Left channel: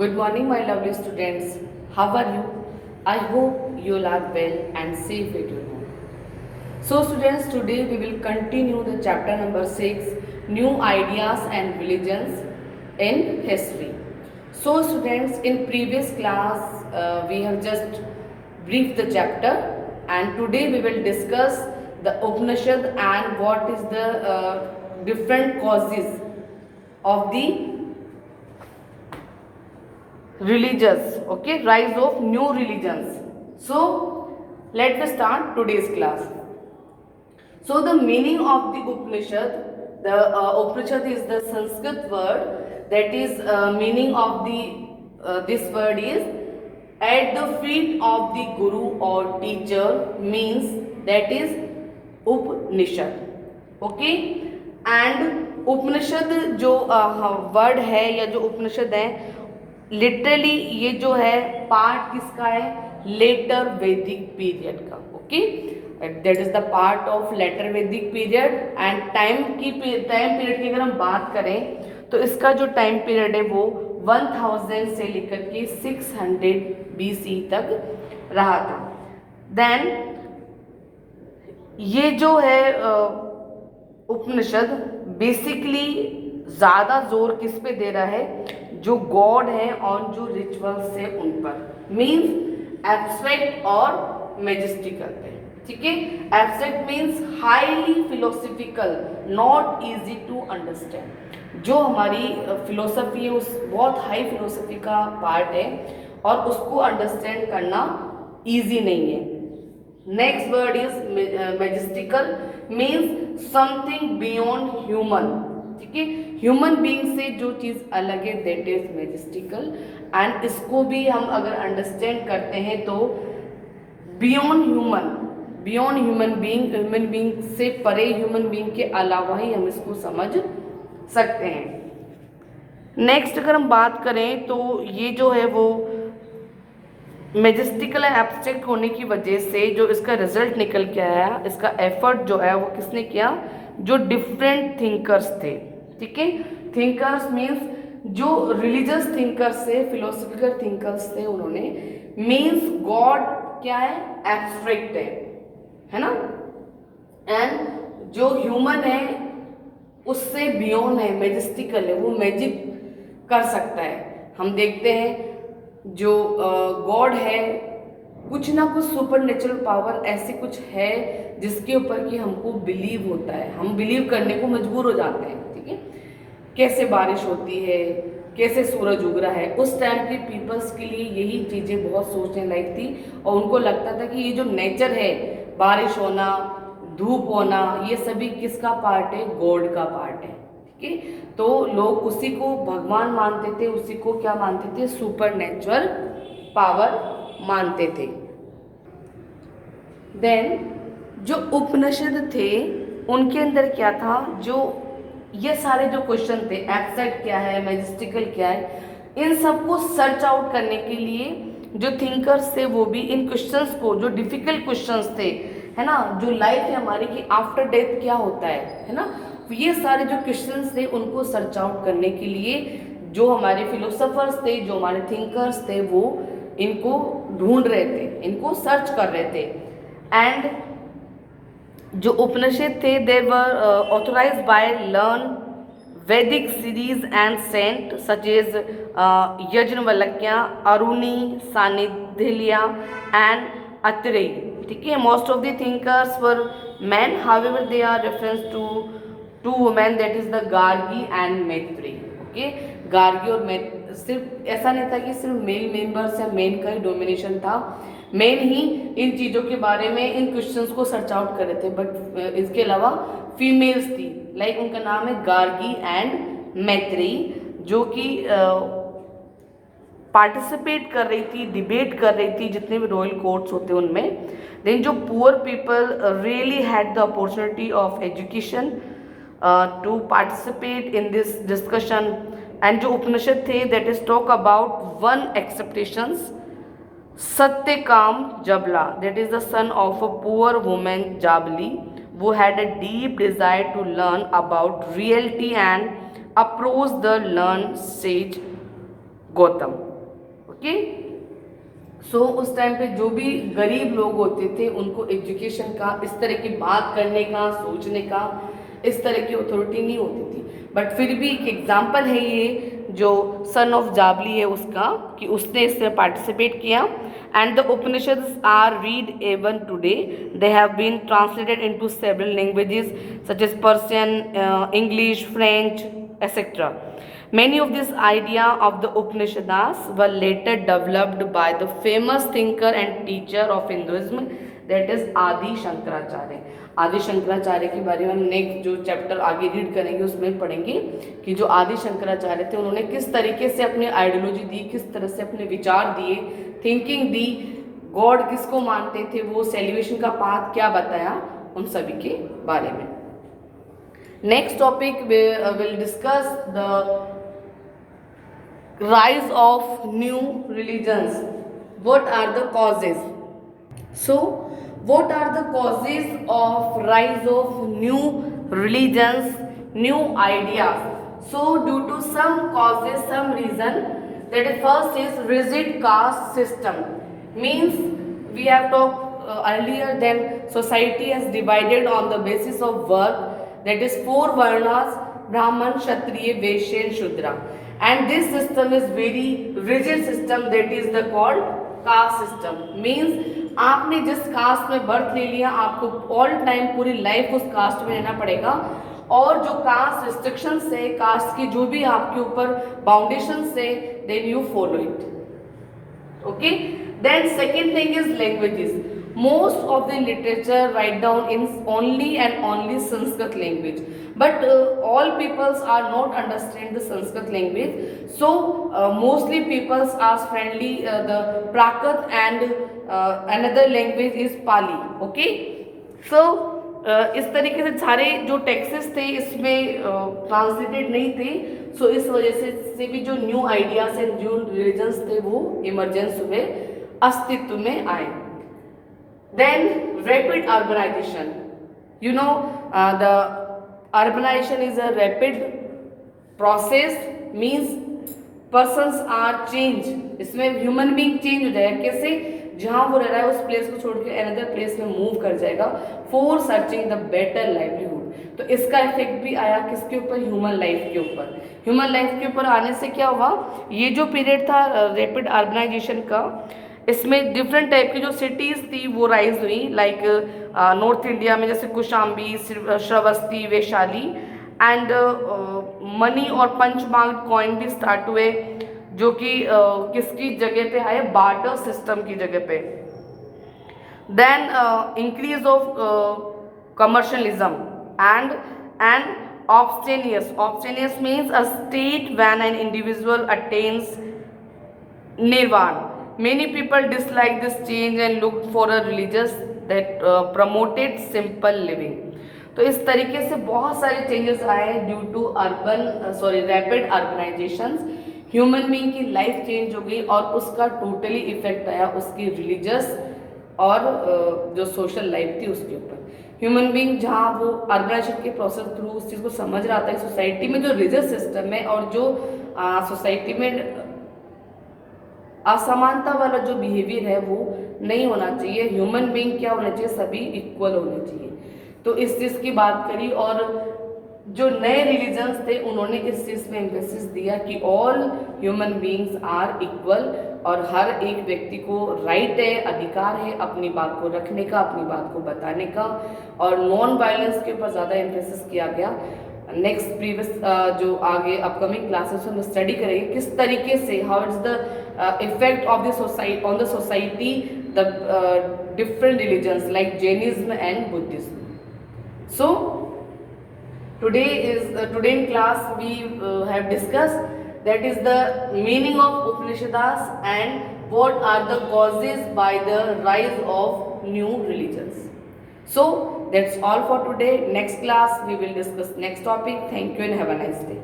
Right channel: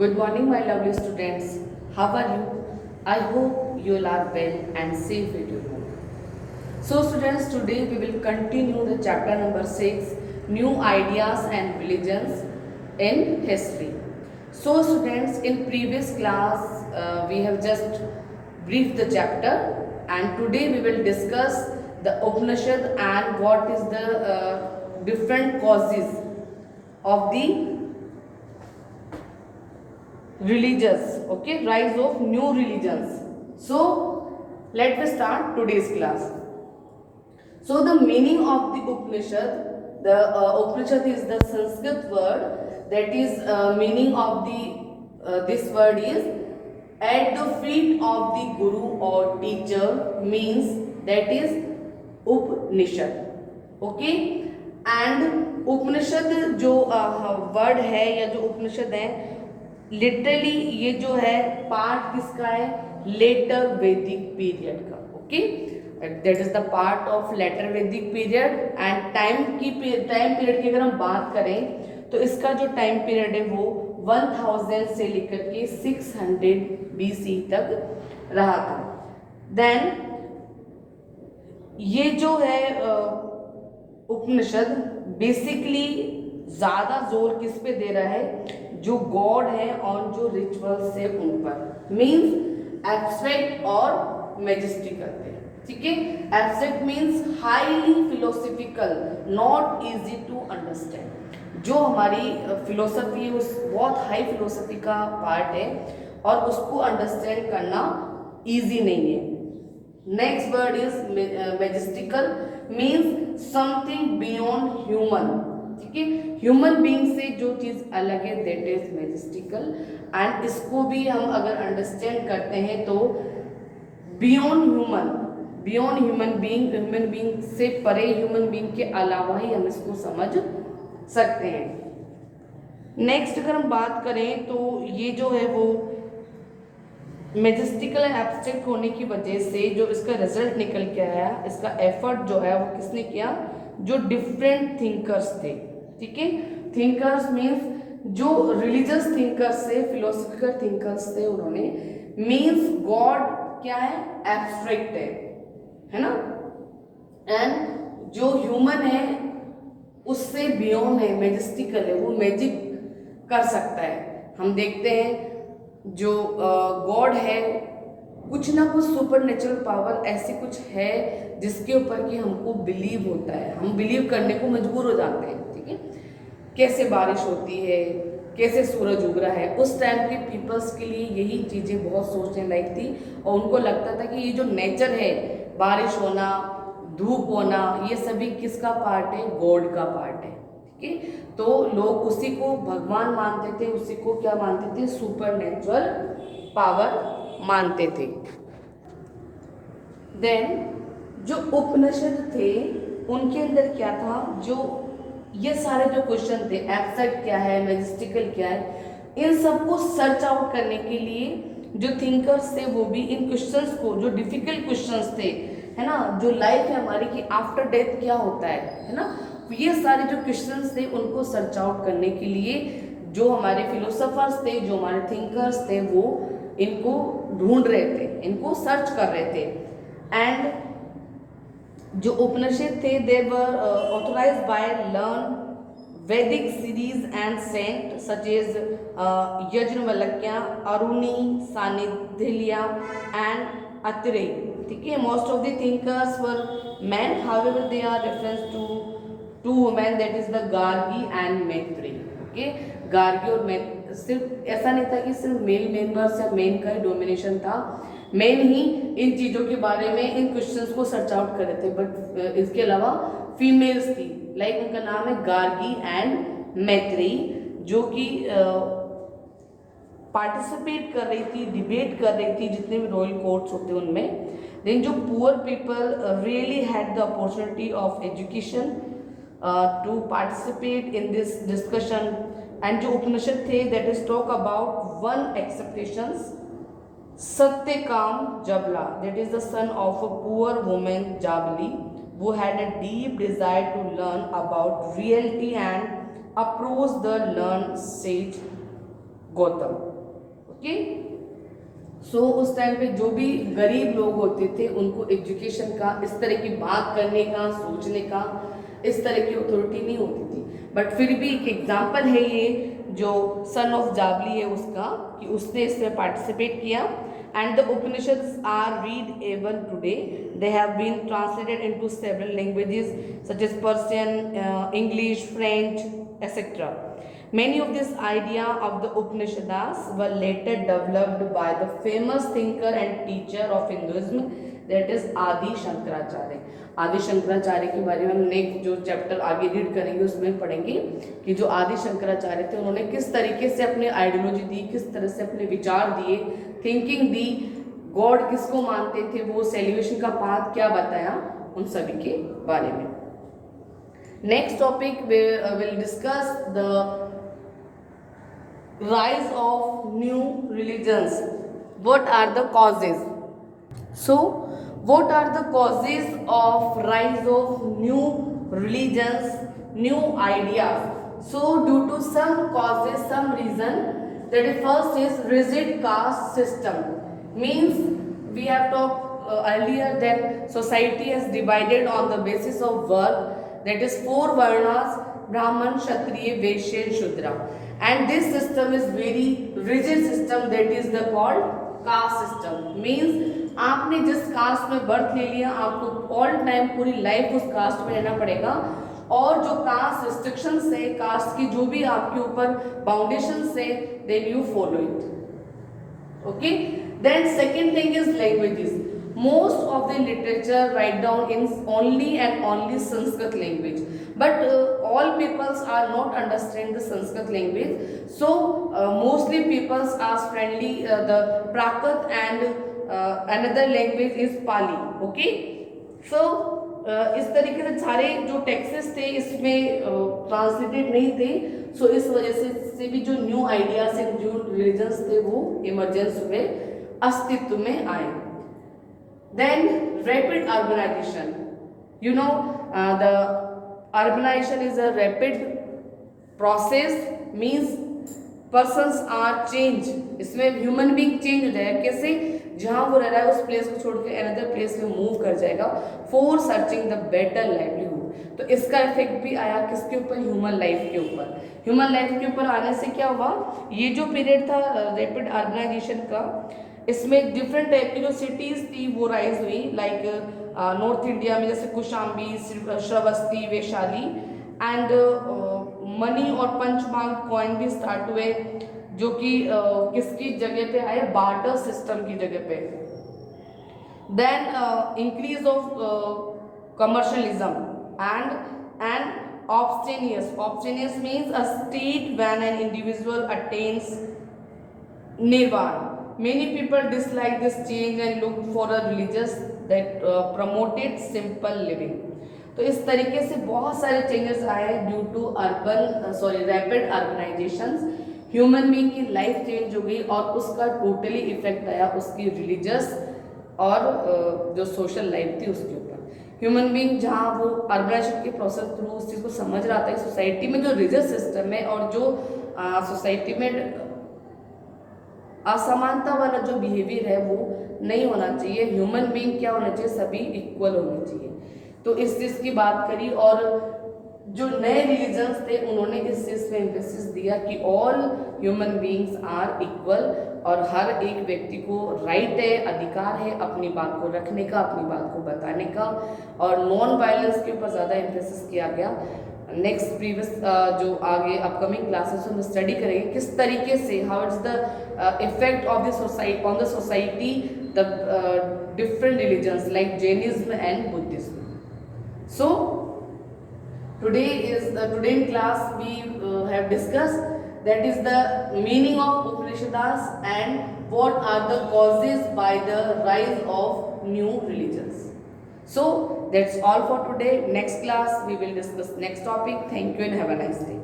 Good morning, my lovely students. How are you? I hope you all are well and safe at your home. So, students, today we will continue the chapter number 6, New Ideas and Religions in History. So, students, in previous class we have just briefed the chapter, and today we will discuss the Upanishad and what is the different causes of the religious, okay, rise of new religions. So let us start today's class. So the meaning of the Upanishad, the Upanishad is the Sanskrit word, that is meaning of the this word is at the feet of the guru or teacher, means that is Upanishad, okay. And Upanishad जो word है या जो उपनिषद है, literally ये जो है part किसका है, लेटर वैदिक पीरियड का, okay. That is the part of later Vedic period. And time period की अगर हम बात करें तो इसका जो टाइम पीरियड है वो 1000 से लेकर के 600 BC तक रहा था. देन ये जो है उपनिषद बेसिकली ज्यादा जोर किस पे दे रहा है, जो गॉड है और जो रिचुअल्स है उन पर, मीन्स एब्स्ट्रैक्ट और मैजेस्टिकल है, ठीक है. Abstract means highly philosophical, not easy to understand. जो हमारी फिलोसफी है उस बहुत हाई फिलोसफी का पार्ट है और उसको अंडरस्टैंड करना इजी नहीं है. Next word is majestical, means something beyond human, ठीक है. ह्यूमन बीइंग से जो चीज अलग है दैट इज मैजेस्टिकल. एंड इसको भी हम अगर अंडरस्टैंड करते हैं तो बियॉन्ड ह्यूमन बीइंग से परे, ह्यूमन बीइंग के अलावा ही हम इसको समझ सकते हैं. नेक्स्ट अगर हम बात करें तो ये जो है वो मैजेस्टिकल एंड एब्स्ट्रैक्ट होने की वजह से जो इसका रिजल्ट निकल के आया, इसका एफर्ट जो है वो किसने किया, जो डिफरेंट थिंकर्स थे, ठीक है. थिंकर्स मीन्स जो रिलीजियस थिंकर्स थे, फिलोसफिकल थिंकर्स थे, उन्होंने मीन्स गॉड क्या है, एब्स्ट्रैक्ट है ना. एंड जो ह्यूमन है उससे बियॉन्ड है, मैजेस्टिकल है, वो मैजिक कर सकता है. हम देखते हैं जो गॉड है कुछ ना कुछ सुपर नेचुरल पावर ऐसी कुछ है जिसके ऊपर कि हमको बिलीव होता है, हम बिलीव करने को मजबूर हो जाते हैं, ठीक है. कैसे बारिश होती है, कैसे सूरज उग रहा है, उस टाइम के पीपल्स के लिए यही चीज़ें बहुत सोचने लायक थी. और उनको लगता था कि ये जो नेचर है, बारिश होना, धूप होना, ये सभी किसका पार्ट है, गॉड का पार्ट है, ठीक है. तो लोग उसी को भगवान मानते थे, उसी को क्या मानते थे, सुपर नेचुरल पावर मानते थे. देन जो उपनिषद थे उनके अंदर क्या था, जो ये सारे जो क्वेश्चन थे, एब्स्ट्रैक्ट क्या है, मैजेस्टिकल क्या है, इन सबको सर्च आउट करने के लिए जो थिंकर्स थे वो भी इन क्वेश्चंस को, जो डिफिकल्ट क्वेश्चंस थे, है ना, जो लाइफ है हमारी की आफ्टर डेथ क्या होता है ना, ये सारे जो क्वेश्चंस थे उनको सर्च आउट करने के लिए जो हमारे फिलोसोफर्स थे, जो हमारे थिंकर्स थे, वो इनको ढूंढ रहे थे, इनको सर्च कर रहे थे. एंड जो उपनिषद थे they were authorized by learn Vedic seers and saint such as Yajnavalkya, Aruni, Shandilya and Atreya, ठीक है. Most of the thinkers were men, however they are reference to two women, that is the Gargi and Maitreyi, okay. Gargi और सिर्फ ऐसा नहीं था कि सिर्फ male members या मेन का ही डोमिनेशन था, मेन ही इन चीज़ों के बारे में, इन क्वेश्चंस को सर्च आउट कर रहे थे, बट इसके अलावा फीमेल्स थी, लाइक उनका नाम है गार्गी एंड मैत्रेयी, जो कि पार्टिसिपेट कर रही थी, डिबेट कर रही थी जितने भी रॉयल कोर्ट्स होते हैं उनमें. देन जो poor people really had the opportunity of education to participate in this discussion. And जो उपनिषद थे that is talk about one exceptions, Satyakam Jabala, that is the son of a poor women Jabali, who had a deep desire to learn about reality and approach the learned sage Gautam. Okay. So उस time पे जो भी गरीब लोग होते थे उनको education का, इस तरह की बात करने का, सोचने का इस तरह की अथॉरिटी नहीं होती थी। बट फिर भी एक एग्जाम्पल है ये जो सन ऑफ जाबली है उसका, कि उसने इसमें पार्टिसिपेट किया। And the Upanishads are read even today, they have been translated into several languages such as Persian, English, French, etc. Many of this idea of the Upanishads were later developed by the famous thinker and teacher of Hinduism, that is Adi Shankaracharya. आदि शंकराचार्य के बारे में हम next जो chapter आगे read करेंगे उसमें पढ़ेंगे कि जो आदि शंकराचार्य थे उन्होंने किस तरीके से अपने आइडियोलॉजी दी, किस तरह से अपने विचार दिए, थिंकिंग दी, गॉड किसको मानते थे, वो सेलिब्रेशन का पाथ क्या बताया, उन सभी के बारे में। Next topic will discuss the rise of new religions. What are the causes? So what are the causes of rise of new religions, new ideas? So due to some causes, some reason, that is first is rigid caste system. Means we have talked earlier that society has divided on the basis of work, that is 4 varnas: Brahman, Kshatriya, Vaishya and Shudra. And this system is very rigid system, that is the called caste system. Means आपने जिस cast में birth ले लिया आपको all time पूरी life उस cast में रहना पड़ेगा, और जो कास्ट रिस्ट्रिक्शंस है, कास्ट की जो भी आपके ऊपर बाउंडेशंस है, then you follow it. Okay. Then second thing is languages. Most of the literature write down in only and only Sanskrit language, but all peoples are not understand the Sanskrit language. So mostly peoples are friendly the Prakrit and another language is Pali. Okay, so इस तरीके से सारे जो Texas थे इसमें translated नहीं थे। सो इस वजह से भी जो न्यू आइडियाज एंड जो रिलीजन्स थे वो इमरजेंस हुए, अस्तित्व में आए। Then rapid urbanization. You know the urbanization is a rapid process, means persons are change. इसमें ह्यूमन बीइंग चेंज हो जाएगा। कैसे? जहाँ वो रह रहा है उस प्लेस को छोड़ के अनदर प्लेस में मूव कर जाएगा for searching the better livelihood. तो इसका इफेक्ट भी आया किसके ऊपर? ह्यूमन लाइफ के ऊपर। ह्यूमन लाइफ के ऊपर आने से क्या हुआ, ये जो पीरियड था रैपिड अर्बनाइजेशन का, इसमें डिफरेंट टाइप की जो सिटीज़ थी वो राइज हुई, लाइक नॉर्थ इंडिया में जैसे कुशाम्बी, श्रावस्ती, वैशाली, एंड मनी और पंचमांग कॉइन भी स्टार्ट हुए, जो कि किसकी जगह पे आए? बार्टर सिस्टम की जगह पे। Then increase of commercialism and ऑब्स्टेनियस। ऑब्स्टेनियस means a state when an individual attains nirvana. Many people dislike this change and looked for a religious that promoted simple living. तो इस तरीके से बहुत सारे चेंजेस आए due to rapid urbanisation. Human being की लाइफ चेंज हो गई और उसका टोटली इफेक्ट आया उसकी रिलीजियस और जो सोशल लाइफ थी उसके ऊपर। ह्यूमन बीइंग जहाँ वो अर्बनाइजेशन के प्रोसेस थ्रू उस चीज़ को समझ रहा था, सोसाइटी में जो रिलीजियस सिस्टम है और जो सोसाइटी में असमानता वाला जो बिहेवियर है वो नहीं होना चाहिए। ह्यूमन बीइंग क्या होना चाहिए? सभी इक्वल होने चाहिए। तो इस चीज़ की बात करी, और जो नए रिलीजन्स थे उन्होंने इस चीज़ में एम्फेसिस दिया कि all human beings are equal, और हर एक व्यक्ति को राइट है, अधिकार है अपनी बात को रखने का, अपनी बात को बताने का, और नॉन वायलेंस के ऊपर ज़्यादा एम्फेसिस किया गया। नेक्स्ट प्रीवियस जो आगे अपकमिंग क्लासेस में स्टडी करेंगे किस तरीके से how it's the effect of the society on the society the different religions like Jainism and Buddhism. So today in class we have discussed that is the meaning of Upanishads and what are the causes by the rise of new religions. So that's all for today. Next class we will discuss next topic. Thank you and have a nice day.